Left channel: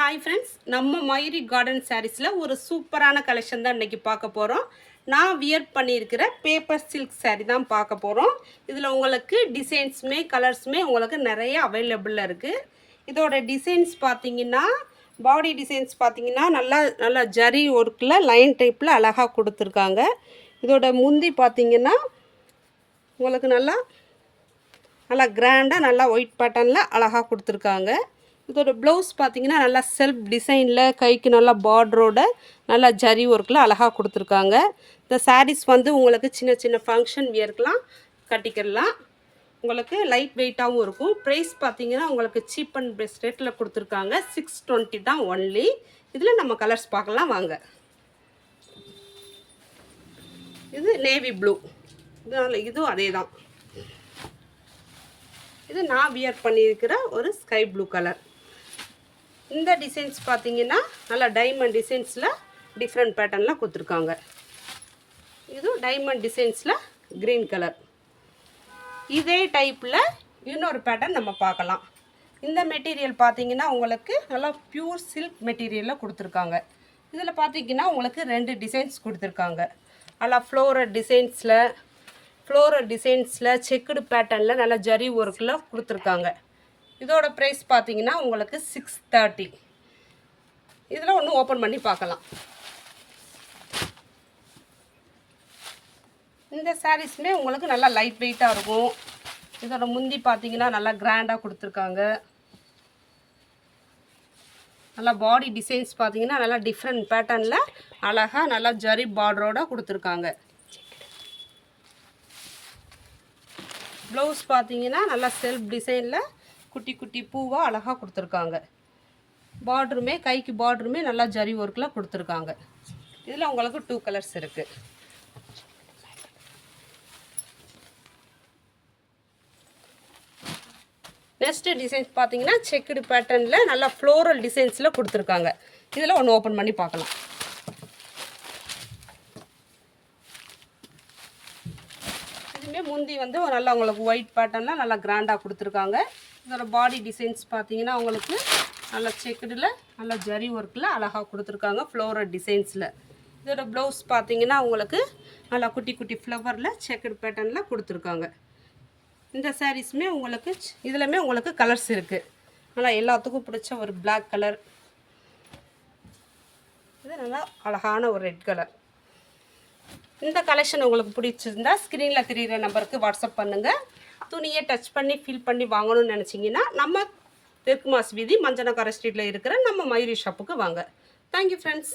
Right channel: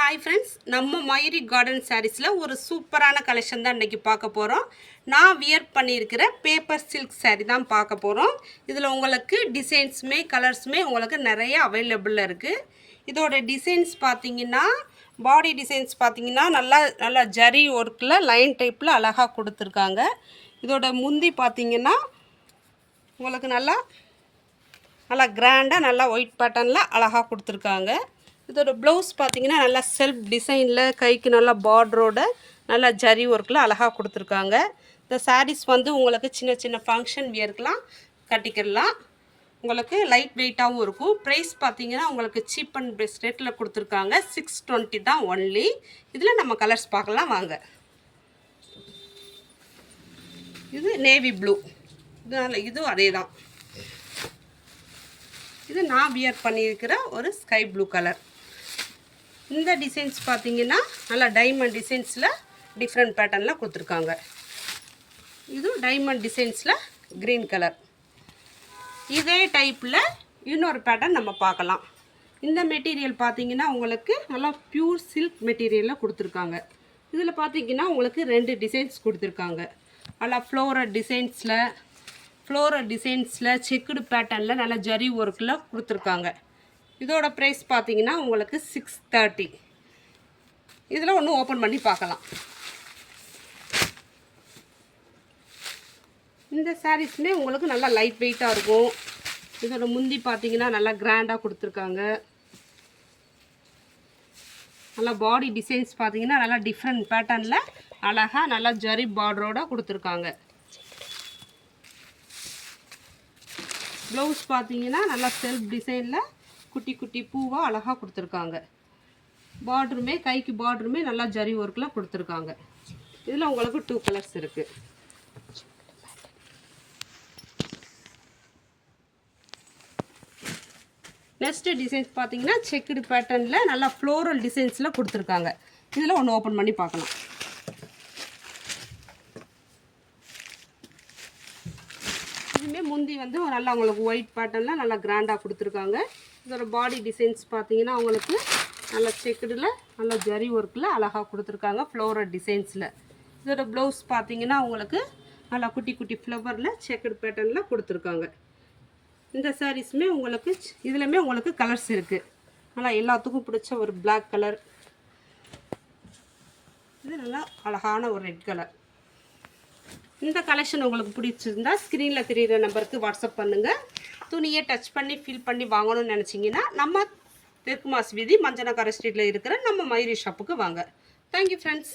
Hi friends, நம்ம Mayuri garden சாரீஸில் ஒரு சூப்பரான கலெக்ஷன் தான் இன்றைக்கி பார்க்க போகிறோம். நான் வியர் பண்ணியிருக்கிற பேப்பர் சில்க் சாரீ தான் பார்க்க போகிறோம். இதில் உங்களுக்கு டிசைன்ஸுமே கலர்ஸுமே உங்களுக்கு நிறைய அவைலபிளில் இருக்குது. இதோட டிசைன்ஸ் பார்த்தீங்கன்னா, பாடி டிசைன்ஸ் பார்த்தீங்கன்னா நல்லா ஜரி ஒர்க்கில் லைன் டைப்பில் அழகாக கொடுத்துருக்காங்க. இதோட முந்தி பார்த்தீங்கன்னா உங்களுக்கு நல்லா கிராண்டாக நல்லா ஒயிட் பேட்டர்னில் அழகாக கொடுத்துருக்காங்க. இதோட ப்ளவுஸ் பார்த்தீங்கன்னா நல்லா செல்ஃப் டிசைனில் கைக்கு நல்லா பார்டரோட நல்லா ஜரி ஒர்க்கில் அழகாக கொடுத்துருக்காங்க. இந்த சாரீஸ் வந்து உங்களுக்கு சின்ன சின்ன ஃபங்க்ஷன் வியர்க்கெலாம் கட்டிக்கிடலாம். உங்களுக்கு லைட் வெயிட்டாகவும் இருக்கும். ப்ரைஸ் பார்த்தீங்கன்னா உங்களுக்கு சீப் அண்ட் பெஸ்ட் ரேட்டில் கொடுத்துருக்காங்க. 620 தான் ஒன்லி. இதில் நம்ம கலர்ஸ் பார்க்கலாம் வாங்க. இது நேவி ப்ளூ, இதுவும் அதே தான். இது நான் வியர் பண்ணியிருக்கிற ஒரு ஸ்கை ப்ளூ கலர். இந்த டிசைன்ஸ் பார்த்தீங்கன்னா நல்லா டைமண்ட் டிசைன்ஸில் டிஃப்ரெண்ட் பேட்டர்னில் கொடுத்துருக்காங்க. இது டைமண்ட் டிசைன்ஸில் க்ரீன் கலர். இதே டைப்பில் இன்னொரு பேட்டர்ன் நம்ம பார்க்கலாம். இந்த மெட்டீரியல் பார்த்தீங்கன்னா உங்களுக்கு நல்லா ப்யூர் சில்க் மெட்டீரியலில் கொடுத்துருக்காங்க. இதில் பார்த்தீங்கன்னா உங்களுக்கு 2 டிசைன்ஸ் கொடுத்துருக்காங்க. நல்லா ஃப்ளோரல் டிசைன்ஸில் செக்குடு பேட்டர்னில் நல்லா ஜரி ஒர்க்கில் கொடுத்துருக்காங்க. இதோட ப்ரைஸ் பார்த்தீங்கன்னா உங்களுக்கு 630. இதில் ஒன்று ஓப்பன் பண்ணி பார்க்கலாம். இந்த சாரீஸுமே உங்களுக்கு நல்லா லைட் வெயிட்டாக இருக்கும். இதோட முந்தி பார்த்தீங்கன்னா நல்லா கிராண்டாக கொடுத்துருக்காங்க. நல்லா பாடி டிசைன்ஸ் பார்த்தீங்கன்னா நல்லா டிஃப்ரெண்ட் பேட்டர்னில் அழகாக நல்லா ஜரி பார்டரோடு கொடுத்துருக்காங்க. ப்ளவுஸ் பார்த்தீங்கன்னா நல்லா செல்ஃப் டிசைனில் குட்டி குட்டி பூவாக அழகாக கொடுத்துருக்காங்க. கைக்கு பார்டருமே நல்லா ஜரி ஒர்க்கில் கொடுத்துருக்காங்க. இதில் உங்களுக்கு 2 கலர்ஸ் இருக்குது. நெக்ஸ்ட்டு டிசைன்ஸ் பார்த்தீங்கன்னா செக்குடு பேட்டர்னில் நல்லா ஃப்ளோரல் டிசைன்ஸில் கொடுத்துருக்காங்க. இதில் ஒன்று ஓப்பன் பண்ணி பார்க்கலாம். இதுவுமே முந்தி வந்து நல்லா உங்களுக்கு ஒயிட் பேட்டர்னில் நல்லா கிராண்டாக கொடுத்துருக்காங்க. இதோட பாடி டிசைன்ஸ் பார்த்தீங்கன்னா உங்களுக்கு நல்லா செக்குடில் நல்லா ஜரி ஒர்க்கில் அழகாக கொடுத்துருக்காங்க ஃப்ளோரல் டிசைன்ஸில். இதோட ப்ளவுஸ் பார்த்தீங்கன்னா உங்களுக்கு நல்லா குட்டி குட்டி ஃப்ளவரில் செக்குடு பேட்டர்னில் கொடுத்துருக்காங்க. இந்த சாரீஸுமே உங்களுக்கு இதுலையுமே உங்களுக்கு கலர்ஸ் இருக்குது. நல்லா எல்லாத்துக்கும் பிடிச்ச ஒரு பிளாக் கலர், இது நல்லா அழகான ஒரு ரெட் கலர். இந்த கலெக்ஷன் உங்களுக்கு பிடிச்சிருந்தா ஸ்க்ரீனில் தெரிகிற நம்பருக்கு வாட்ஸ்அப் பண்ணுங்கள். துணியை டச் பண்ணி ஃபீல் பண்ணி வாங்கணும்னு நினச்சிங்கன்னா நம்ம தெற்கு மாஸ் வீதி மஞ்சனக்கார ஸ்ட்ரீட்டில் இருக்கிற நம்ம மயூரி ஷாப்புக்கு வாங்க. Thank you friends.